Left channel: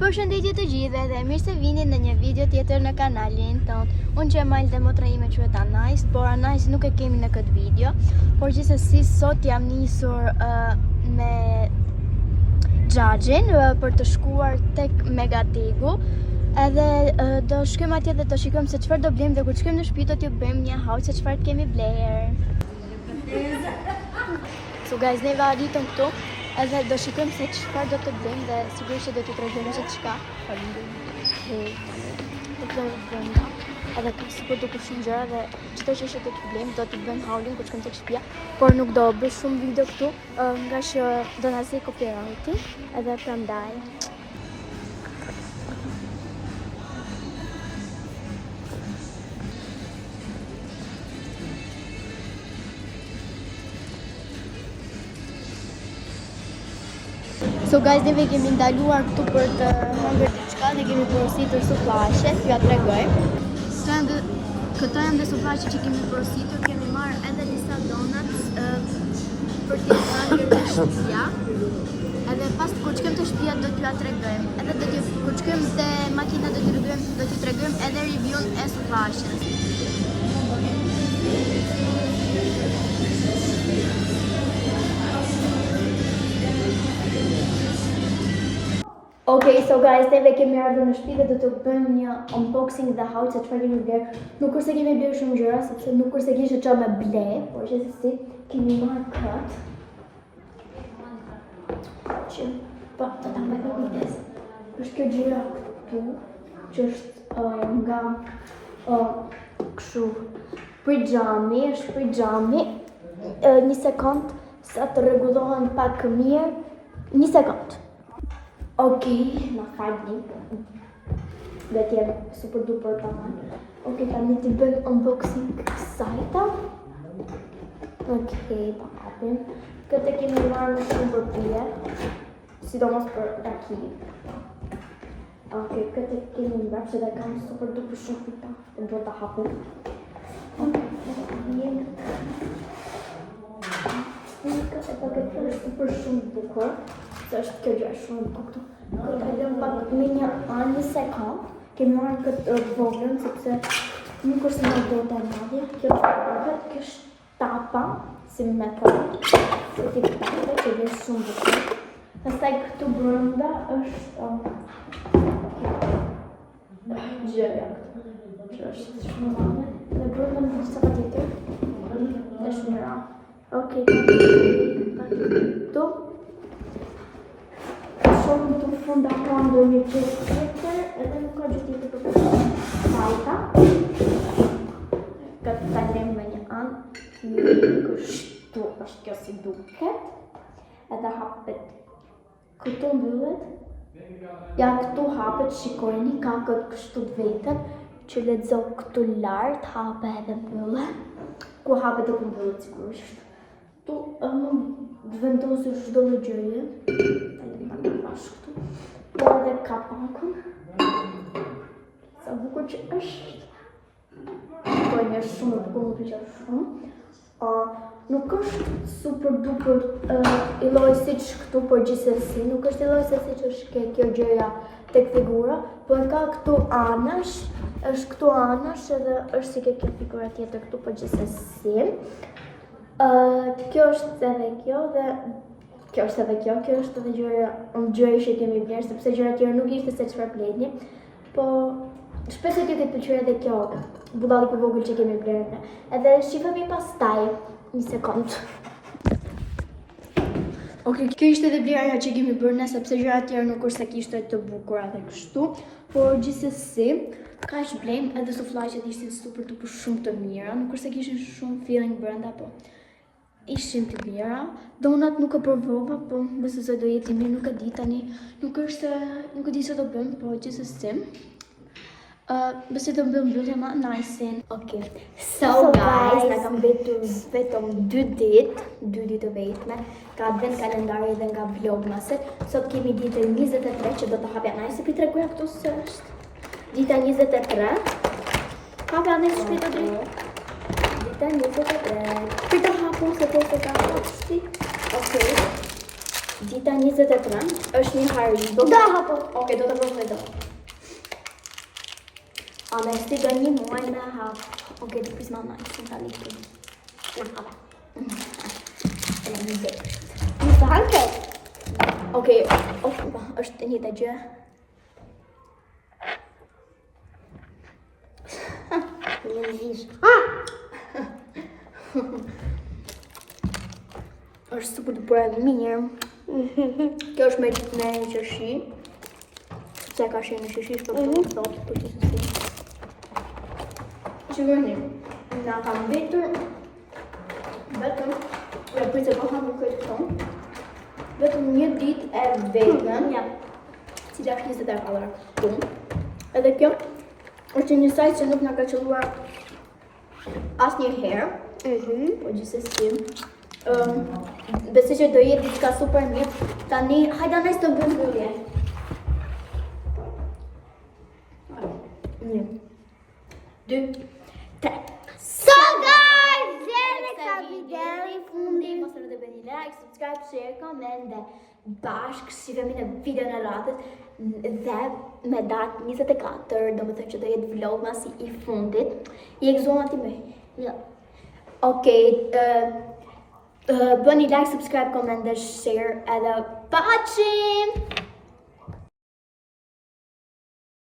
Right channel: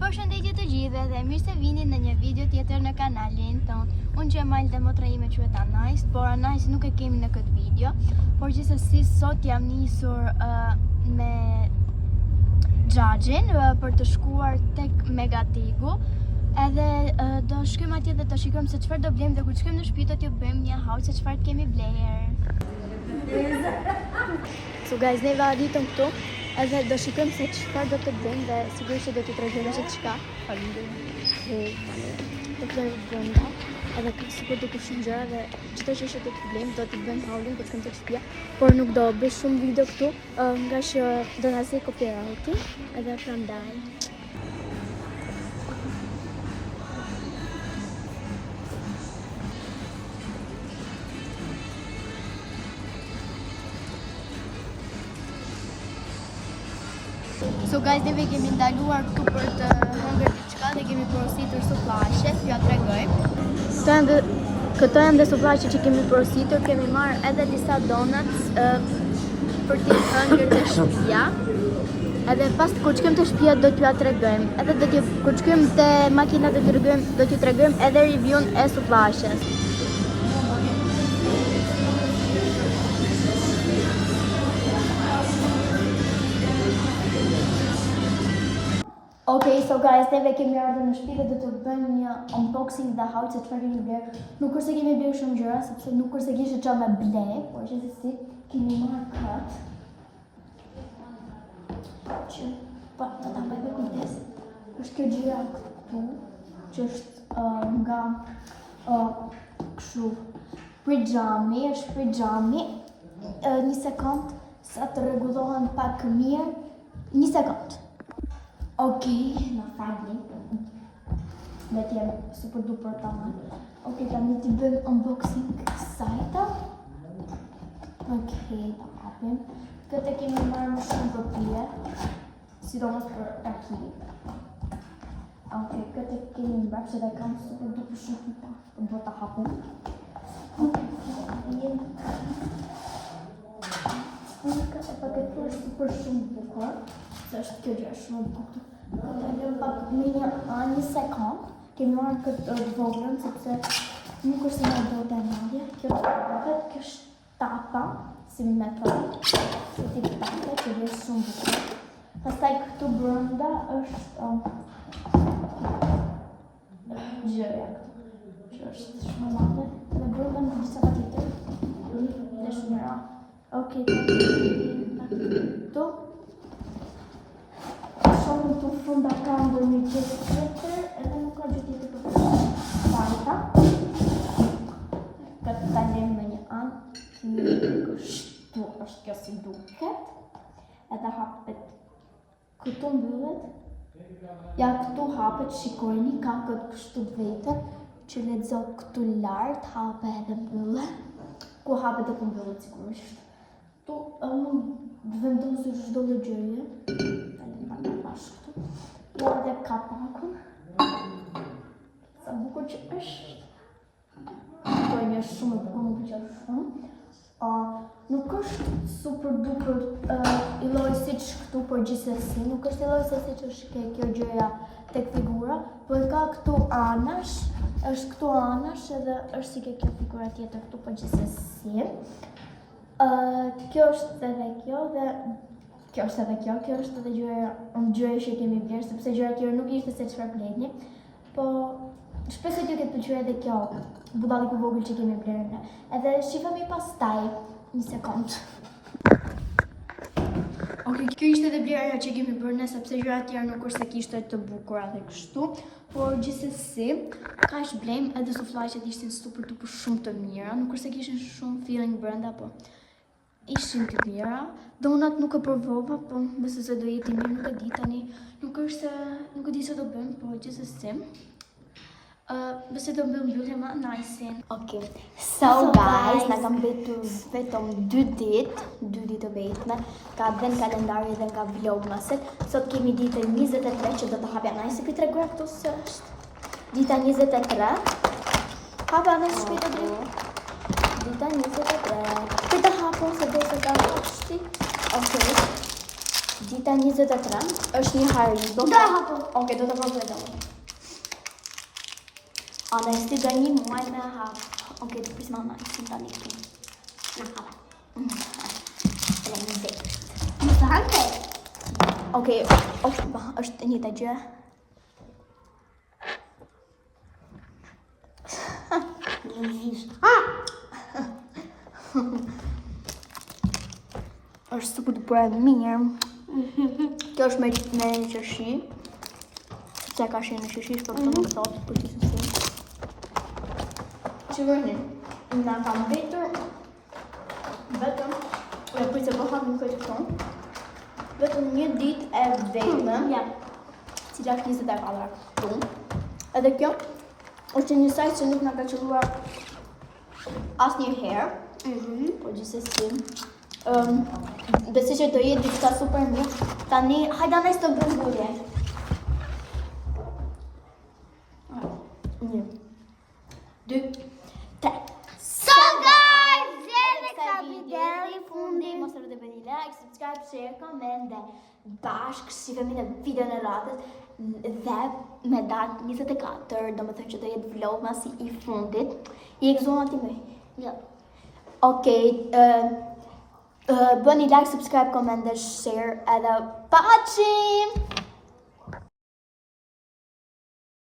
Përshëndetje të gjithëve dhe mirë se vini në një video tjetër në kanalin tonë. Unë që e majlë dhe motra ime quhet Anajs, por Anajs nuk e kemi në këtë video. Por gjithsesi sot jam nisur me Xhaxhin për të shkuar tek Megategu. Edhe do shkojmë atje dhe të shikojmë se çfarë do blejmë dhe kur të shkojmë në shtëpi do t'ju bëjmë një haul se çfarë kemi bler. So guys, ne arritëm këtu. Edhe do shikojmë se çfarë do të bëjmë dhe sigurisht që do t'ju tregojmë se çka. Do të bëjmë brenda. Edhe ka sikur do të shumë gjëra dhe çdo që do të bëjmë do t'i bëjmë haulin kur shkojmë tek shtëpia. Por nuk do bëj shumë video këtu, nga që do na zej copyrighti, edhe prandaj. So guys, neve kemi ndaluar këtu për të hëngrë diçka dhe kemi porositur suflaqe, t'ju ja tregoj. Këto janë dhe suflaqe që kemi porositur, kemi marrë edhe disa donuts për t'i hëngrë të shtëpia. Edhe pas kur shkojmë të shtëpia do t'ju ja tregojmë. Edhe kur shkojmë te makina do t'ju tregojmë edhe review-n e suflaqes. Okay, so guys, neve kemi ardhur në shtëpi dhe do të bëjmë një unboxing dhe haul se çfarë kemi bler. Nuk është se kemi bler shumë gjëra, sepse nuk është se kishte çfarë me ble, por gjithsesi kemi marrë kët. Që po ta bëj me kujdes. Është kjo gjëra këtu, që është nga kështu pijami, është pijami. Një sekond, sa të rregullohen pak mirë. Një sekond. Okej, na falni. Dhe t'jem super duper tamam. Okej, tani t'i bëjmë unboxing kësajta. Okej, ta hapim. Këtë kemi marrë shumë për pije, sidomos për raki. Okej, këtë kemi mbrapsht dhe kam super duper shumë pita. Do ta hapim. Okej, këtë paketë është super shumë bukur. Është kjo gjë shumë bukur këtu. Këtë e lëm pak me një anë, një sekond. Kemi marrë këtë voglën, sepse nuk është se nga do të madje. Kjo është tapa, si me thonë. Këtë tip tape, që dhe shumë bukur. Pastaj këtu brenda është gjëja këtu, që është shumë madhe. Dhe brenda më është sa tjetër. Dhe shumë ra. Okej, këtu. Shumë të funda kam dhe një gjithë tjetër, edhe nuk ka gjithë tjetër për fajta. Këtë ta lem me një anë, kështu është kjo si duket. Edhe hapet këtu mbyllet. Ja këtu hapet, shikojni, ka këtë kështu të vetën, që lexo këtu lart, hapet edhe mbyllet. Ku hapet dhe ku mbyllet sigurisht. Tu të vendosur çdo lloj gjëje. Në këtu. Po edhe kapakun. Sa bukur që është. Po një shumë e bukur, më pëlqen shumë. Nuk është super duper i lloj siç këtu, por gjithsesi nuk është i lloj se siç është kjo gjëja tek figura, por ka këtu anash, është këtu anash edhe është si kjo figura tjetër këtu, por gjithsesi. Kjo është edhe kjo dhe kjo është edhe gjëja që kemi bler, sepse gjërat tjera nuk ishte se çfarë blejni, po shpresoj t'ju ketë pëlqyer edhe kjo budalliku i vogël që kemi bler ne. Edhe shifemi pastaj, një sekond. Okej, kjo ishte edhe blerja që kemi bërë ne, sepse gjërat tjera nuk është se kishte të bukura dhe kështu, por gjithsesi kaq blejmë edhe suflaqet ishin super duper shumë të mira, nuk është se kishin shumë feeling brenda, po ishin të mira. Donat nuk e provova, po besoj se do jetë mirë, nuk e di tani. Nuk e di se do bëjmë, po gjithsesi. Besoj do bëjmë mbyllje më nice. Okej. So guys, na kam betur vetëm 2 ditë të vetme. Ka advent kalendari dhe nga vlogmaset. Sot kemi ditën 23 që do të hapja nice, pi tregoj këtu se është dita 23. Hapja me shpirtë drejt. Dita 23. Për të hapur se do të ta hapësh. Okej. Dita 23 është një haribo. Do hapo. Okej, do të provoj do. A në stiga një muaj me hap. Okej, të pris mama, i të tali këtu. Na hapa. Në një zë. Në të hanke. Okej, është një të gjë. Në në gjishë. është supë të bërë mirë. Kjo është me një qërshi. Sepse ka shi në qërshi, shpër të më thotë, për që si. Shikoni, nga kam vetur, vetëm, ja pritë po hamë në këtë këton, vetëm një dit e vetëm, Ja. cila 20 euro këtu. Edhe kjo është një sajt që nuk nga ka qëlluar asë një herë, po gjithsesi. Besoj që do jetë diçka super mirë. Tani, hajde anaj të bëjmë mbyllje. 1, 2, 3. So guys, deri ka video i fundit. Mos harroni të bëni like, subscribe, share, comment dhe bashkë shifemi në videon e radhës dhe me datë 24, do më thënë që do jetë vlog masi i fundit. I gëzuam ati me. Jo. Okej, bëni like, subscribe, comment dhe share edhe paqim!